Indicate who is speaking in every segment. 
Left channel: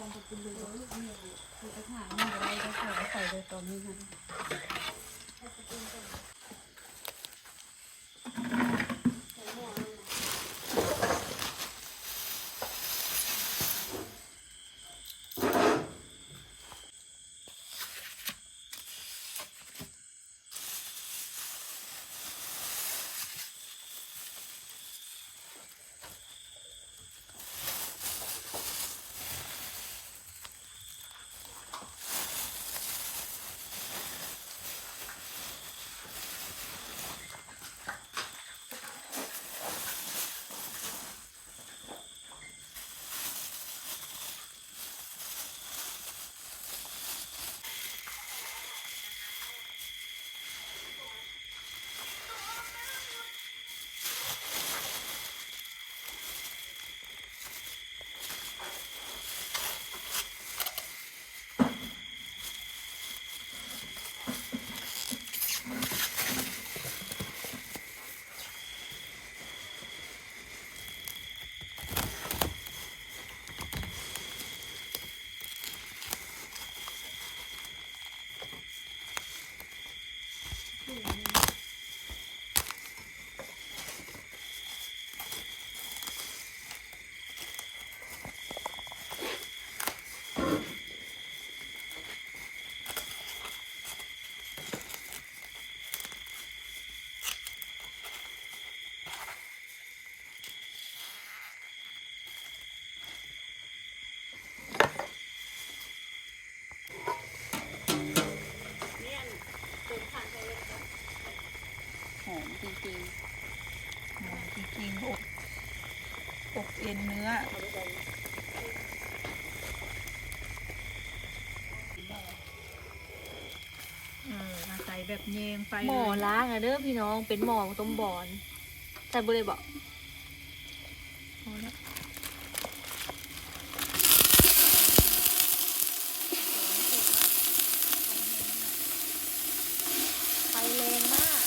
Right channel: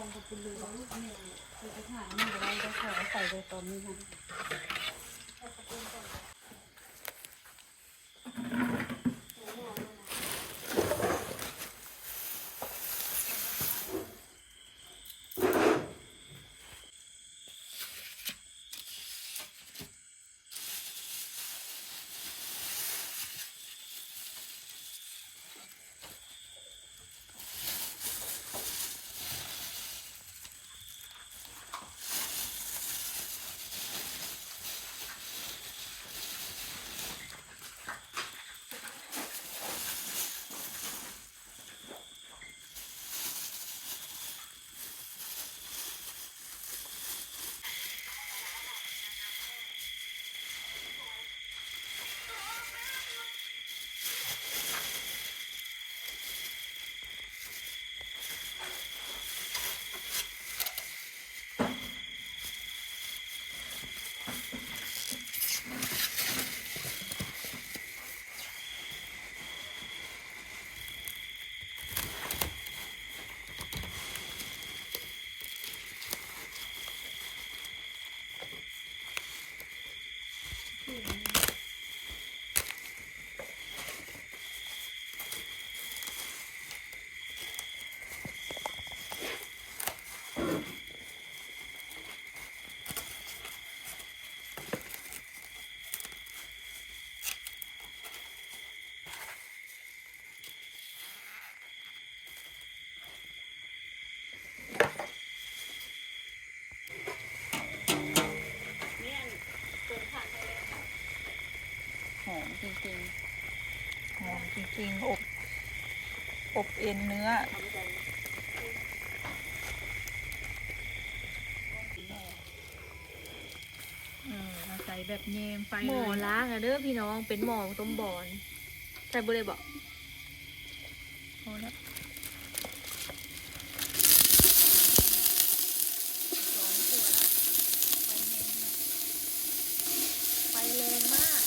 Speaker 1: องจะเป็นเลยเนี่ยคือจะหาไม่ได้ก็ใส่ใส่เลยตอนนี้นะ จริง
Speaker 2: หมุนจริงๆอบอบเอ็นเนื้อ เอออาศัยแบบเยมไฟ
Speaker 3: หมอ
Speaker 2: เลย
Speaker 3: ล้างอะเด้อพี่น้องเป็นหมอต้มบอนใส่บุเลยบอก
Speaker 2: พอแล้ว
Speaker 3: ไฟแรงมาก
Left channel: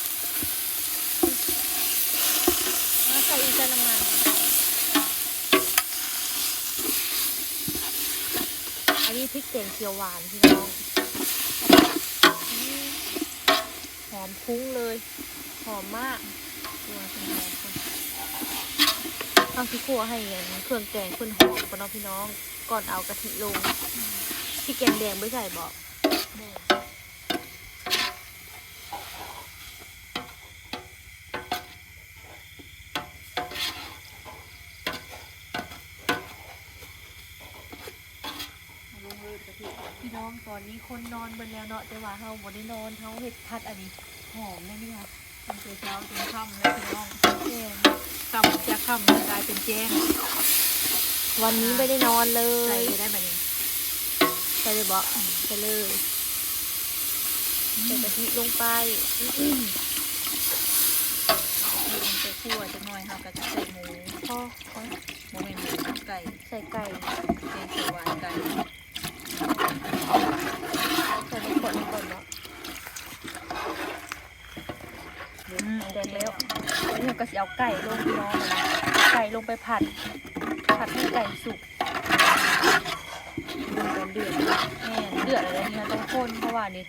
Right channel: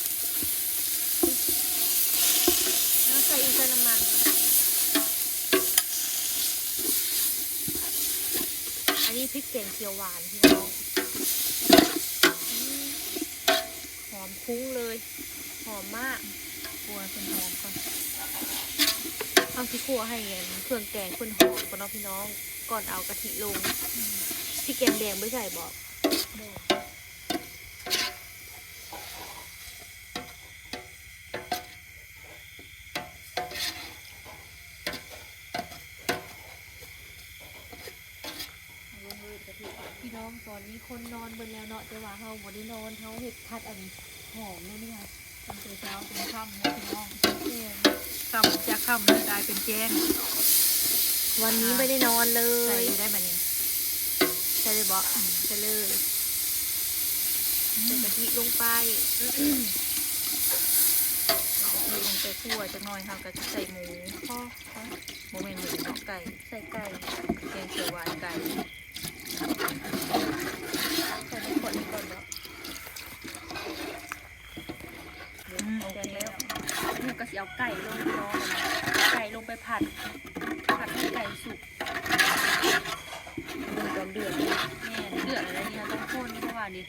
Speaker 3: มาใส่อีกใส่น้ำมันอันนี้พ ริกแกงเขียวหวานพี่น้องอืมหอมคุ้งเลย หอมมาก
Speaker 2: กลัวเป็นหอมก่อน
Speaker 3: ทำที่ครัวให้เห็นเครื่องแกงเพื่อนหอมก่อนเนาะพี่น้อง ก่อนเอากะทิลงพริกแกงแดงไม่ใส่บอก
Speaker 2: แม่เอาลงเลยกะทิ
Speaker 3: พี่น้ องตอนนี้คนนอนเบิดแล้วเนาะแต่ว่าเฮาบ่ได้นอนเฮาเฮ็ดพัดอันนี้หอมเลยนี่ค่ะ
Speaker 2: ทำแต่เช้าจนค่ำเลยพี่น้อง
Speaker 3: แม่น
Speaker 2: ค่ำจะค่ำแล้วกลายเป็นแจ้ง
Speaker 3: วันนี้ไม่ได้นอนเล
Speaker 2: ใส่
Speaker 3: ย
Speaker 2: ได้แบบนี้
Speaker 3: ใส่เลยบ่ใส่เลยใส่กะทิลงไป
Speaker 2: มีลงไปคั่วจะหน่อยค่ะก็จะใส่หมู
Speaker 3: พอ
Speaker 2: โมเมนหมูเนาะไก่
Speaker 3: ใส่ไก่
Speaker 2: แกงเขียวหวานไก่
Speaker 3: ใส่ในขวดนี้ก่อนเนาะ
Speaker 2: อืมโอเคแล้ว
Speaker 3: นี่ก็สิเอาไก่ลงพี่น้องนะไก่ลงไปผัด ผัดให้ไก่สุกลงตอนเดือด
Speaker 2: แม่เดือดอะไรเนี่ยต้องข้นเพราะว่านี่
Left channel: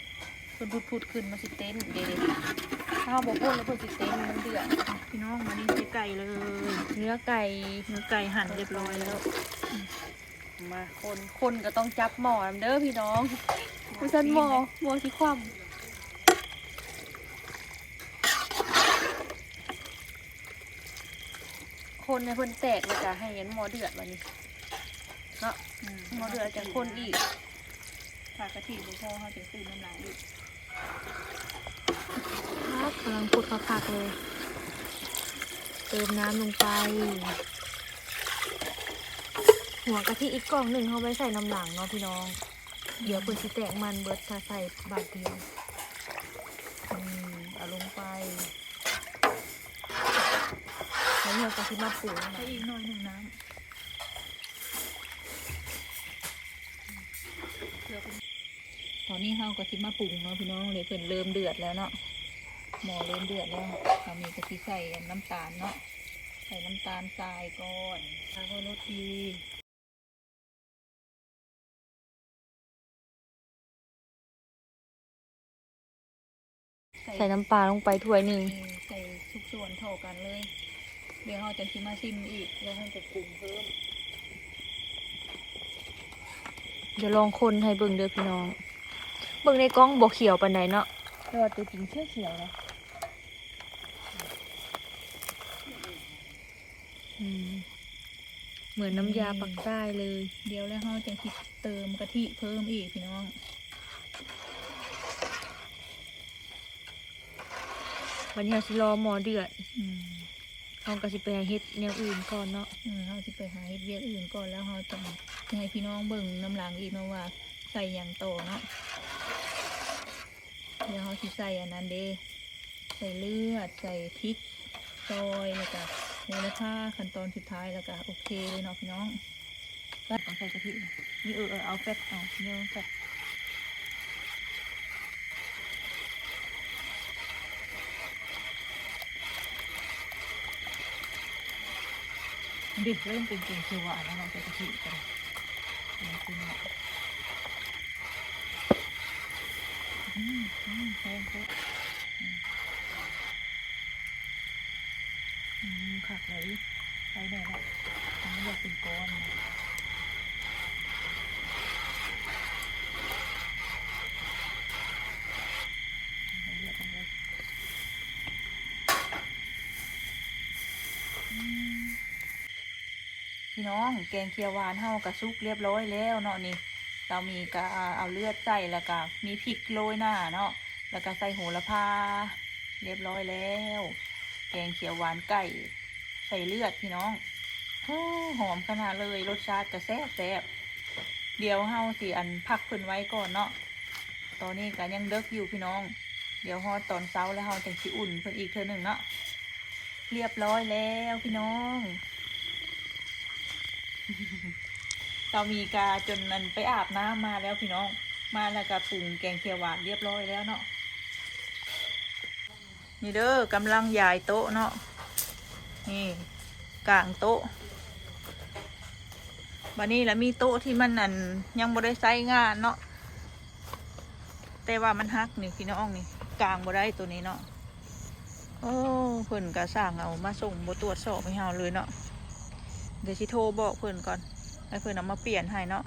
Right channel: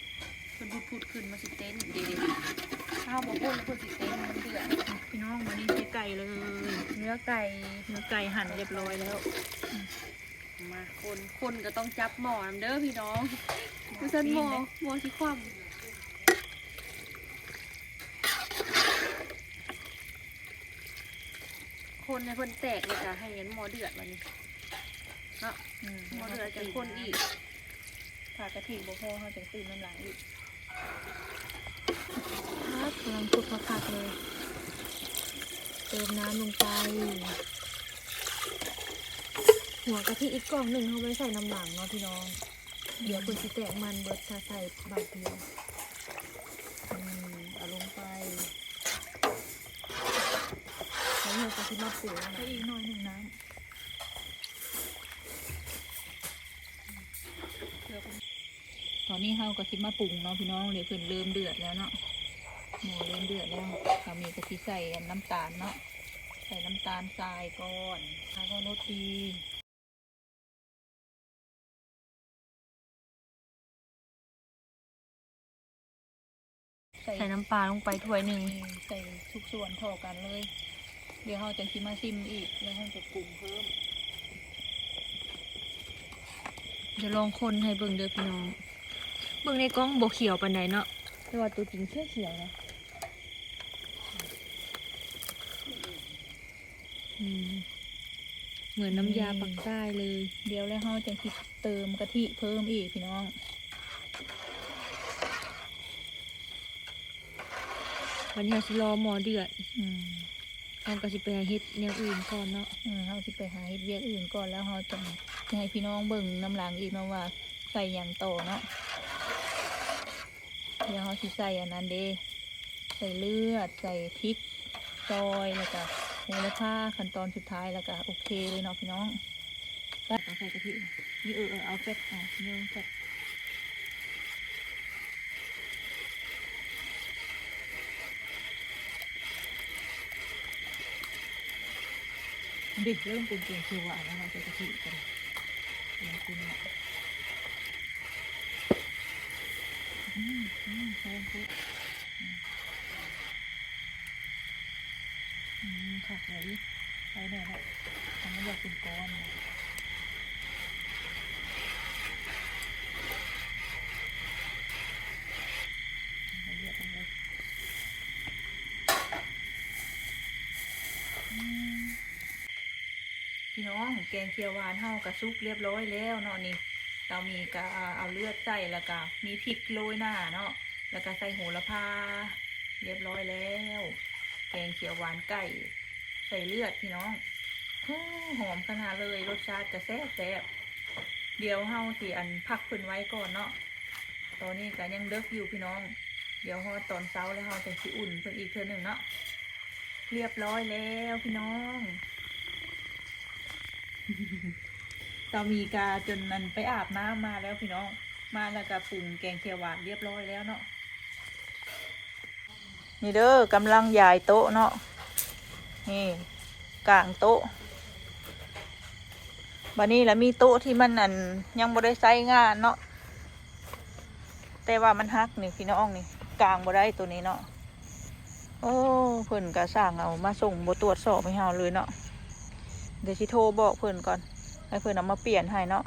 Speaker 2: มันพุดพุดขึ้นมาสิเต้นเดี๋ยวๆ
Speaker 3: ข้าวบกพุ่นแล้วพ่นสิเต็มมันเดือด
Speaker 2: พี่น้องมานี่ใช้ไก่เลย
Speaker 3: เนื้อไก่
Speaker 2: เนื้อไก่หั่นเรียบร้อยแล้ว
Speaker 3: มาคนคนก็ต้องจับหมอนเด้อพี่น้อง ม่ใช่หมอหมอที่คว่ำคนในเพิ่นแตกเลยจ้ะให้เห็นหมอเดือดแล้วนี่เนาะ
Speaker 2: อืม
Speaker 3: หมอเดือดจะคนอีก
Speaker 2: ถ้ากะทิบ่พอเขาจะตื่นน้ำลายอีก
Speaker 3: ครับกำลังพุดคักๆเลย เติมน้ำลงไป หัวกะทิอีกกล่องหนึ่งเขาไปใส่น้ำหลังเนาะพี่น้อง เดี๋ยวคุณสิแตกมันเบิดถ้าใส่บาทเดียว
Speaker 2: อืมเอาลงไป
Speaker 3: แล้วเรากะทิมาปรุง
Speaker 2: ใส่อีกหน่อยหนึ่งน้ำเดี๋ยวคุณตอนนี้เฮากะทิมาปรุงเนาะพี่น้องเลยเพิ่นเริ่มเดือดแล้วเนาะหม้อเริ่มเดือดแล้วเรามีกะทิใส่น้ำตาลเนาะใส่น้ำตาลทรายก่อนแล้วก็รสดี
Speaker 3: ใส่น้ำปลาลงไปถ้วยหนึ่ง
Speaker 2: นี่ใส่ทุกส่วนเท่ากันเลย เดี๋ยวเราจะชิมมาชิมอีก แล้วเราจะปรุงเพิ่ม
Speaker 3: เดี๋ยวลองคนให้เบิ่งเด้อพี่น้อง เบิ่งในกล้องบ่เขียวปานใดเนาะแต่ว่าตัวจริงเขียวเขียวๆนะอืมเหมือนน้ำยาปักใต้เลย
Speaker 2: เดี๋ยวแล้วเราจะคิดเติมกะทิเพิ่มอีกพี่น้อง
Speaker 3: วันนี้เราสิรอหมอเดือด
Speaker 2: อืม
Speaker 3: เอาก็สิไปหาเฮ็ดแนวอื่นก่อนเนาะ
Speaker 2: อืมเราจะไปหาเฮ็ดเวียกอื่นก่อนแล้วเราจะให้พี่น้องเบิ่งน้ำหลังอีกเนาะว่าใส่อย่างโตอเนาะเดี๋ยวเราสิใส่อันนั้นเด้ใส่เลือด ใส่พริกซอยแล้วก็โหระพาขั้นตอนสุดท้ายแล้วก็โอเคเลยเนาะพี่น้องแล้วเอาใส่กะทินี่เออเออเอาแฟตเอาเนื้อแฟต ดิเริ่มเป็นเกลิ่นเขียวหวานแล้วเราใส่กะทิกันแล้วคุณเนี่ยอืมอืมแพงปุ๊อืมขักเลยใส่แน่ละทำให้อยากเป็นก้อนเลือดลงเลยอืม พี่น้องแกงเขียวหวานเฮากระซุกเรียบร้อยแล้วเนาะนี่เรามีกะเอาเลือดใส่แล้วก็มีพริกโรยหน้าเนาะแล้วก็ใส่โหระพาเรียบร้อยแล้ว แกงเขียวหวานไก่ใส่เลือดพี่น้องโอ้หอมขนาดเลยรสชาติจะแซ่บแซ่บเดี๋ยวเฮาสิอันพักพิ่นไว้ก่อนเนาะตอนนี้ก็ยังเด็กอยู่พี่น้อง เดี๋ยวฮอดตอนเช้าแล้วเฮาจะสิอุ่นเพิ่นอีกเทื่อหนึ่งเนาะเรียบร้อยแล้วพี่น้อง เรามีกาจนนันไปอาบน้ำมาแล้วพี่น้อง มาแล้วก็ปรุงแกงเขียวหวานเรียบร้อยแล้วเนาะ นี่เด้อกำลังย้ายโต๊ะเนาะ นี่ กลางโต๊ะบันนี้แล้วมีโต๊ะที่มันอันยังบ่ได้ใช้งานเนาะ แต่ว่ามันฮักนี่พี่น้องนี่ กลางบ่ได้ตัวนี้เนาะ โอ้เพิ่นก็สั่งเอามาส่งบ่ตรวจสอบให้เฮาเลยเนาะ เดี๋ยวสิโทรบอกเพื่อนก่อน ให้เพื่อนเอามาเปลี่ยนให้เนาะ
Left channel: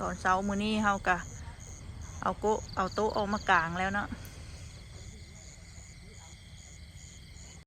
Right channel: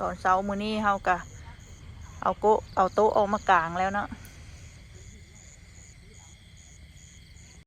Speaker 2: ตอนเช้ามื้อนี้เฮากะเอาโกะเอาโต๊ะออกมากลางแล้วเนาะ